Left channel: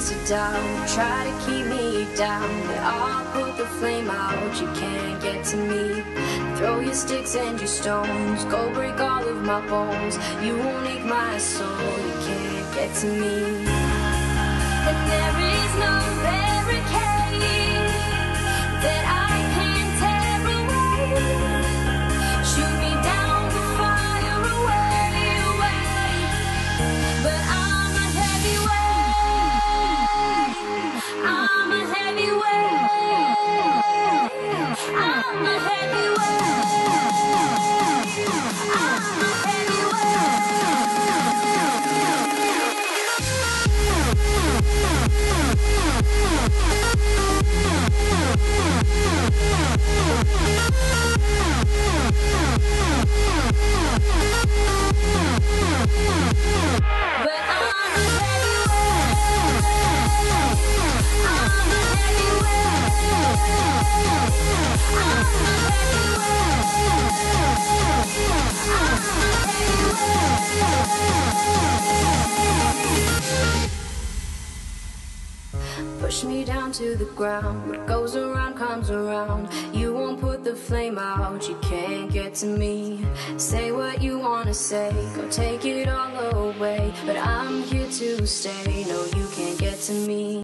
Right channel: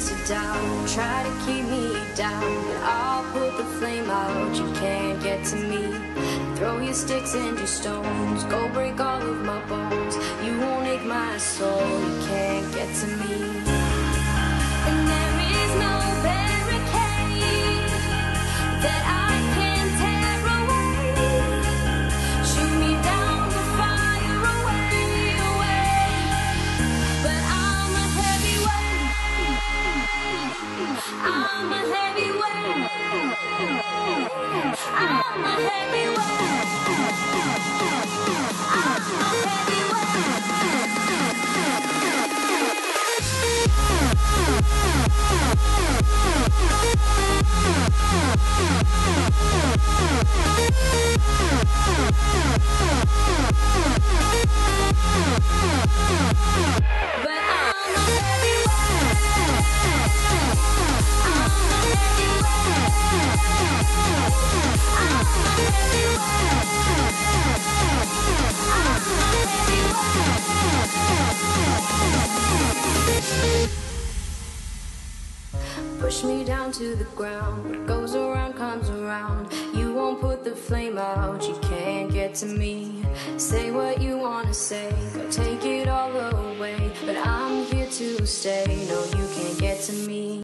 reasons to doubt, try to keep me down, but I'll put the flame out. You can't get to me. Throw your sticks and your stones, go break all of my bones. You won't ache my soul. You can't get to me. And there is no barricade that I can tear away. Shoot me down to fire away, away. But I'm a heavyweight. I'm a heavyweight. I'm a heavyweight. I'm a push me down to the ground. What goes around comes around. You won't put the flame out. You can't get to me. Say what you wanna say, go take it all away, but I'm here to stay. No, you can't get to me.